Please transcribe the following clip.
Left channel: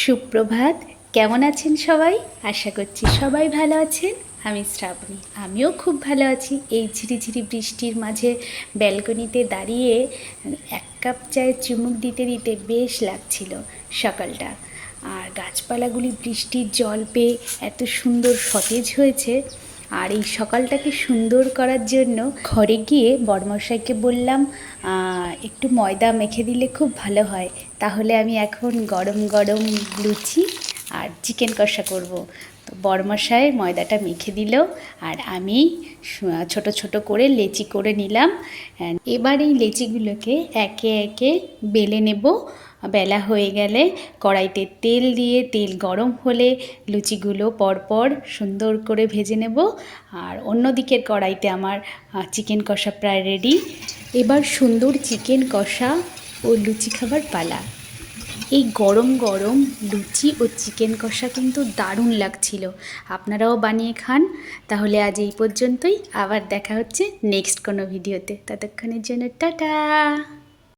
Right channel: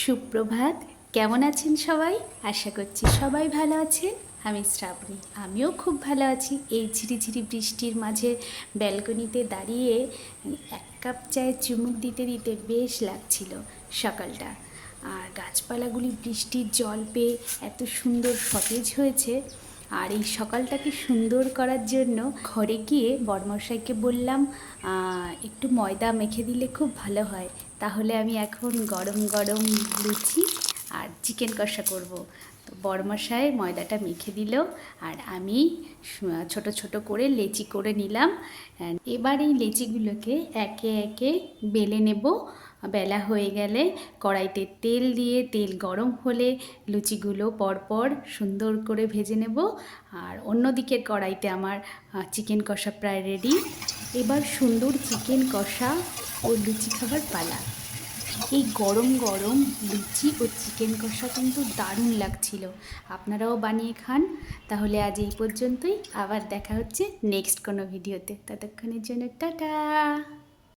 সুপ্রভাত। কেমন আছেন সবাই? আশা করছি সবাই ভালো আছেন। আমি শ্রাবণী, আমিও খুব ভালো আছি। এই ঝিরিঝিরি বৃষ্টির মাঝে ব্যালকনিতে দাঁড়িয়ে এক কাপ চায়ে চুমুক দিতে দিতে বেশ লাগছিল সকালটা। আর গাছপালাগুলি বৃষ্টির জল পেয়ে এত সুন্দর সতেজ হয়েছে। আর এই সকালটাকে সুন্দর করার জন্য ঘরে গিয়ে বড়মশাইকে বললাম একটু ময়দা মেখে দিলে খুব ভালো হয়, তাহলে আমি এখন গরম গরম লুচি আর চিকেন কষা করব। তো বড়মশাই ময়দাটা মেখে দিল আর আমি ছোট ছোট করে লেচি করে নিলাম। এবার এই লেচিগুলোকে একে একে বেলে নেব। বেলা হয়ে গেলে কড়াইতে তেল দিয়ে তেল গরম হলে লুচিগুলো পরপর সুন্দর করে ভেজে নেব। আর অন্য দিকের কড়াইতে আমার চিকেন কষা প্রায় রেডি। এবার সুন্দর চিকেন কষা ও লুচি খাবার পালা। এই গরম গরম লুচি ও চিকেন কষা কিন্তু দারুণ লাগছিল। আপনারাও বানিয়ে খান। তাহলে আজ এই পর্যন্তই, আবার দেখা হচ্ছে নেক্সট কোনো ভিডিওতে। ততক্ষণের জন্য টাটা।